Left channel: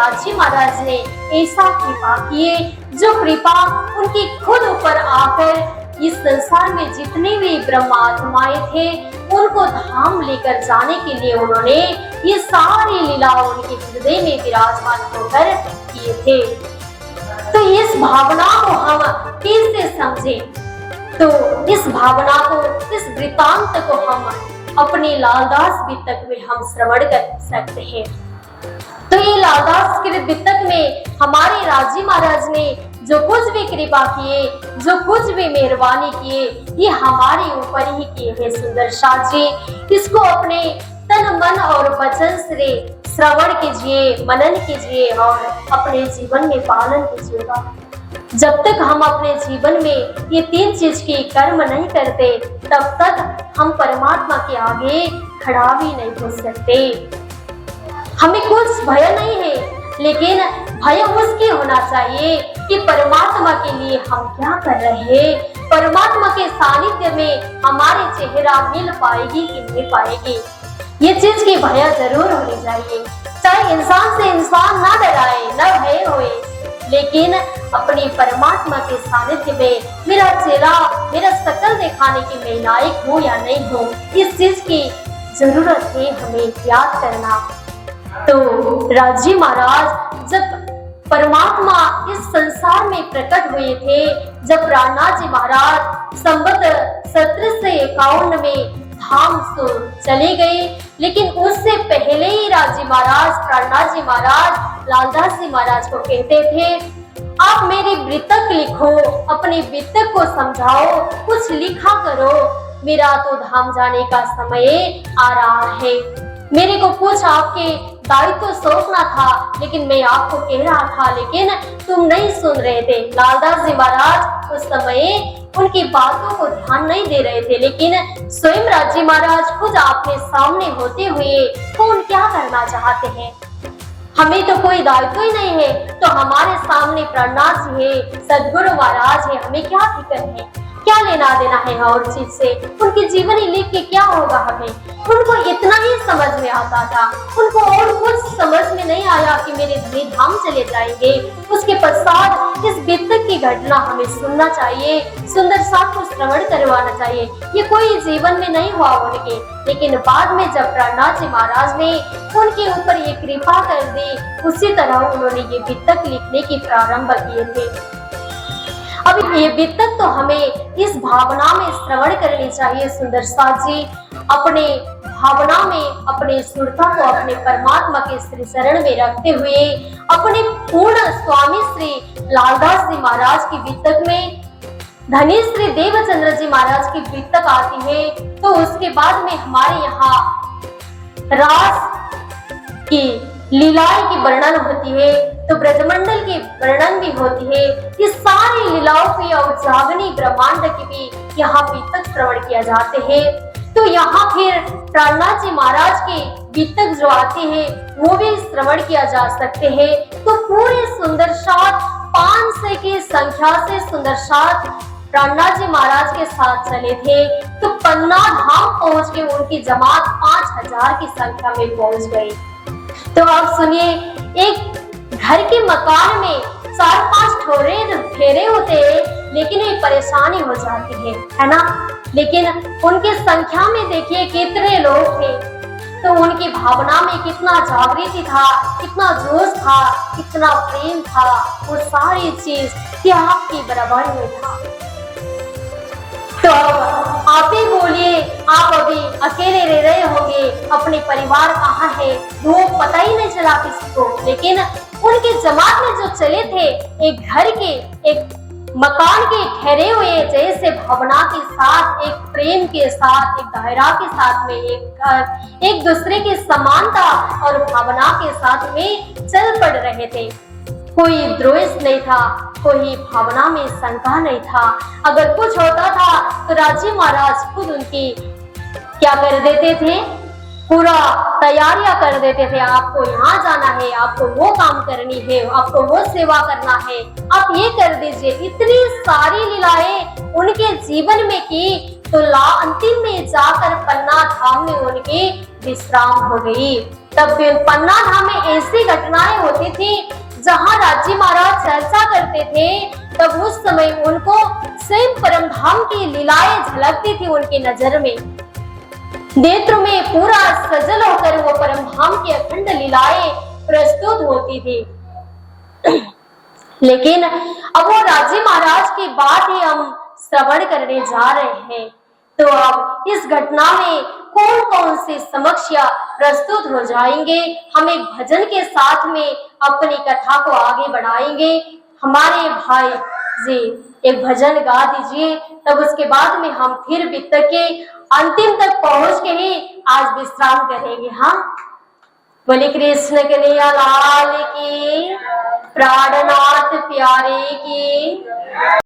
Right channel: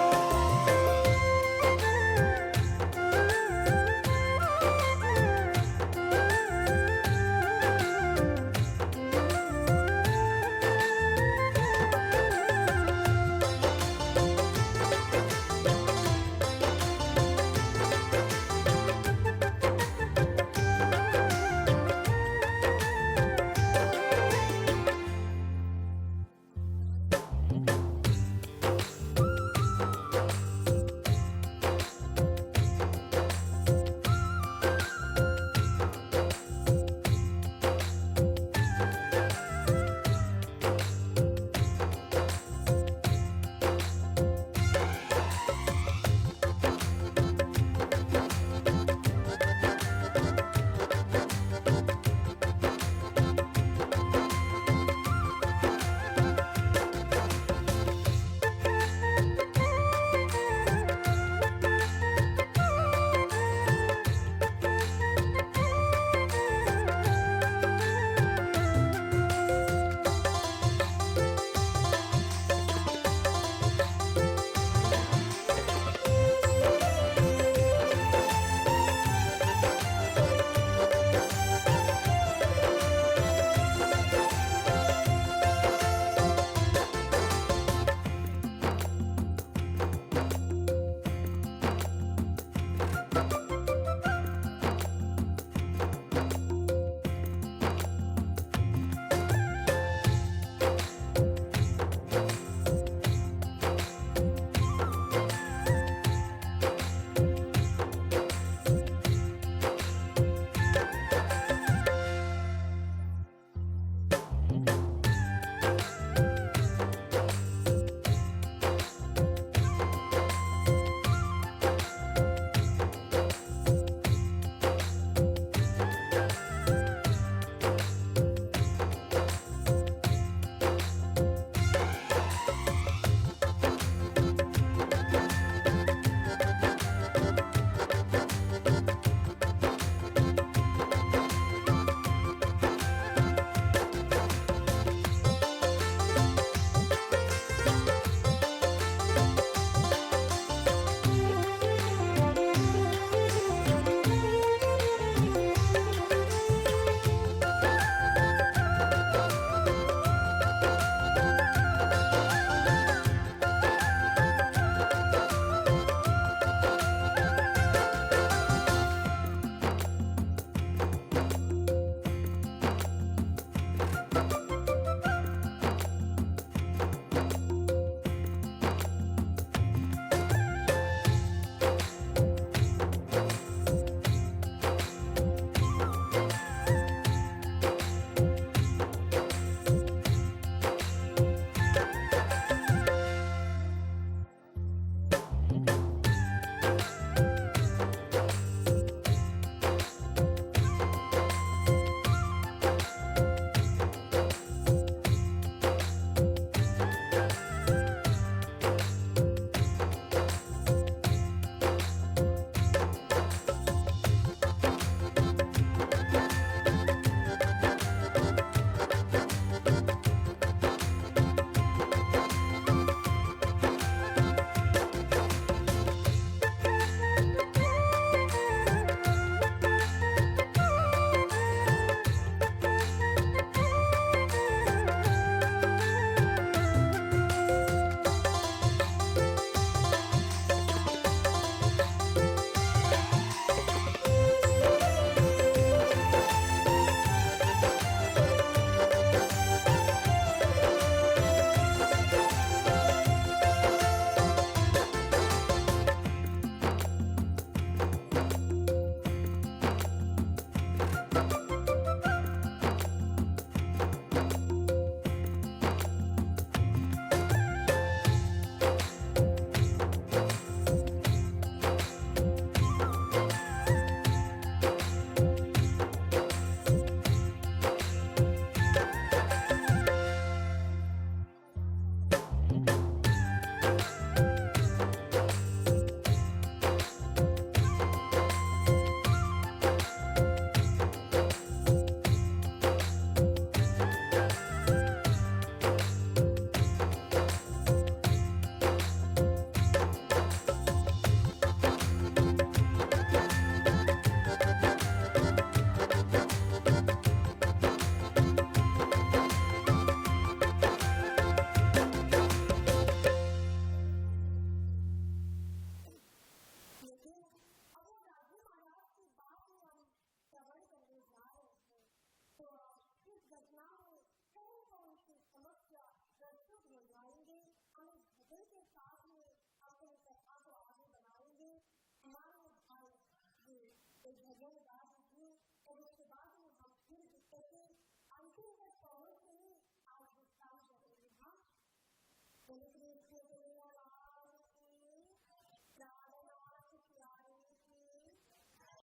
राजी महाराज ने ऐसा कृपा किए, जो कृपा उनकी खुद ऊपर आकर इस संसार में जितने भी ब्रह्मात्माएं थे उनको धाम लेकर जाने के लिए उन्होंने ये सारी लीलाओं उनके हृदय में विराजमान होकर किए थे। तो इस भावना को हम कैसे समझे? तो इस भावना को, इस वृतांत को हम अपने लालदास वितक में हम श्रवण कर सकते हैं। तो ये लालदास के वितक में हमारे राजी महाराज ने जो कुछ भी कृपा किए, जो कुछ भी मेहरबानी किए, ये हमारे ऊपर ही किए हैं सुंदर साथ जी। इसको अपने तन मन और वचन से श्रवण कीजिए, मनन कीजिए और अपने जीवन में पालन कीजिएगा। जब तक हम अपने जीवन में ये तीन चीज की कर्म नहीं करते, तब तक हम परमात्मा के आगे खड़ा भी नहीं हो सकते। हमें कुछ भय नहीं है, लेकिन भय उसकी होना चाहिए कि परमात्मा के लिए हम क्या कर रहे हैं, परमात्मा के सानिध्य में हमारे चेहरा मिल पाएगी कि नहीं पाएगी, ये चीज की भय जरूर होनी चाहिए। चाहे इंसान से इंसान ना डराए, ना भय होए, लेकिन अपनी परमात्मा के सानिध्य में मेरा चेहरा, मेरा शकल दिखाने की मैं लायक हूँ या नहीं हूँ, इस चीज की जरूरत है हमें याद करना। तो राजी महाराज जब परमात्मा इस संसार में प्रकट हुए थे, जब प्राणनाथ जी महाराज संवत 1751 में धाम तो चले गए, लेकिन उससे पहले ही राजी महाराज, प्राणनाथ जी महाराज लालदास जी महाराज को कहते थे, आप मेरी वृत्तक लिखो, अपने वृत्तक को समझाओ, कुछ लिखा करो, मेरा तो धाम जाने का समय आ रहा है। मेरे को कुछ आपके दायित्व तो सौंपना था, लेकिन मैं आपको कह रहा था, लेकिन तुम नहीं सुन रहे थे। लालदास जी महाराज उस समय उनकी बातों को ध्यान नहीं दे रहे थे, लेकिन स्वयं राजी महाराज खुद आपके सामने होते हुए कौन क्या करना चाहते हैं? हमें तो कोई दायित्व ही नहीं है, तो हमारे सामने प्राणनाथ जी है, सदगुरु महाराज है, हमें क्या फिक्र है, क्या लेना देना है और चीज से? उनकी जीवनी लिख के क्या होगा हमें? उनको इतना ही समझ में आता था, उनको और कुछ समझ में नहीं आया कि मेरे दिए धाम चले जाएंगे। उसके पश्चात इस वितक की घटना हमें सुनना चाहिए, सुंदर साथ को श्रवण करवाना चाहिए। ये कोई जीवन में नहीं हुआ उनके, लेकिन बाद में जब प्राणनाथ जी महाराज ने उनके ऊपर ये कृपा कर दी, उसी तरह उन्होंने ये वितक लिखने की प्रारंभ किए थे। अब ये वितक तो हमें इस भावना में श्रवण करनी चाहिए सुंदर साथ जी, अपने भावना में अपने सुरता को अपने परमात्मा के श्री शरण में रखते हुए अपने पूर्ण स्वामी श्री लालदास जी महाराज की वितक में धनी श्री देवचंद्र जी महाराज की वितक आती है, तो उसके बाद में हमारे यहाँ रास की लीलाएं की वर्णन होती है, तो ब्रजमंडल की वर्णन भी होती है। इस सारी लीलाओं की और जागनी ब्रह्मांड की भी यहाँ वितक श्रवण किया जाते हैं। तो यहाँ फिर प्राणनाथ जी महाराज के वितक जो आते हैं वो भी श्रवण किया जा सकते हैं। तो पूरे सुंदर साथ 500 की संख्या से सुंदर साथ प्राणनाथ जी महाराज के साथ चले थे, तो पन्ना धाम पहुंच के उनकी जमात 5000 की संख्या में पहुंच गई। तो आप सुनिए, एक घर के मकान में 4-5 फेरे होते हैं, लेकिन एक परेशानी हो जाती है ना? लेकिन उनकी संख्या में देखिए कितने लोग थे, तो उनकी भावना में कितना जागृति था, कितना जोश था, कितना प्रेम था, वो सारी चीज त्याग की बराबर में था। तो आप ही बोलिए, आप अभी अकेले रह रहे होंगे, अपने परिवार कहाँ है वो पता ही नहीं चला किसी को, लेकिन उनके जमात में जो चले थे, एक घर के, एक मकान के ठहरे हुए जैसे भावना के साथ, एक प्रेम के साथ, एक दायरा के साथ में एक दूसरे की समानता और भावना के साथ में चल पड़ रहे थे। कोई द्वेष नहीं था, कोई भावना में शंका नहीं था। अगर कुछ होता था तो राजी महाराज खुद उनकी क्या कर देते थे, पूरा तैयारियां कर देते थे। आपको यहाँ जाना है, आपको वो काम करनी है, आपको वो सेवा करना है, आप ये कर दीजिए। इतनी सारी लीलाएं उनके जीवन में की, तो अंतिम में जाकर पन्ना धाम में उनकी विश्राम हो गई। तब फिर पन्ना धाम में ऐसी घटनाएं होती थी जहां राजी महाराज चर्चा करते थे, तब उस समय उनको स्वयं परम धाम की लीलाएं झलकती थी उनकी नजर में। नेत्र में पूरा सजल होकर वो परम धाम की अखंड लीलाएं प्रस्तुत होती थी। लेकिन अब वो राजी महाराज की बात ही हम श्रवण करने जा रहे हैं। तो अब इस घटना में कौन कौन से समस्या प्रस्तुत हो जाएंगे, हम एक भजन के साथ में अपनी कथा को आगे बढ़ाएंगे। हमारे भाई जी एक भजन गा दीजिए, तब उसके बाद में हम फिर वित्त के अंतिम तक पहुंच के ही आज विश्राम करेंगे। हाँ, बोले कृष्ण कन्हैया लाल की, प्राणनाथ प्यारे की।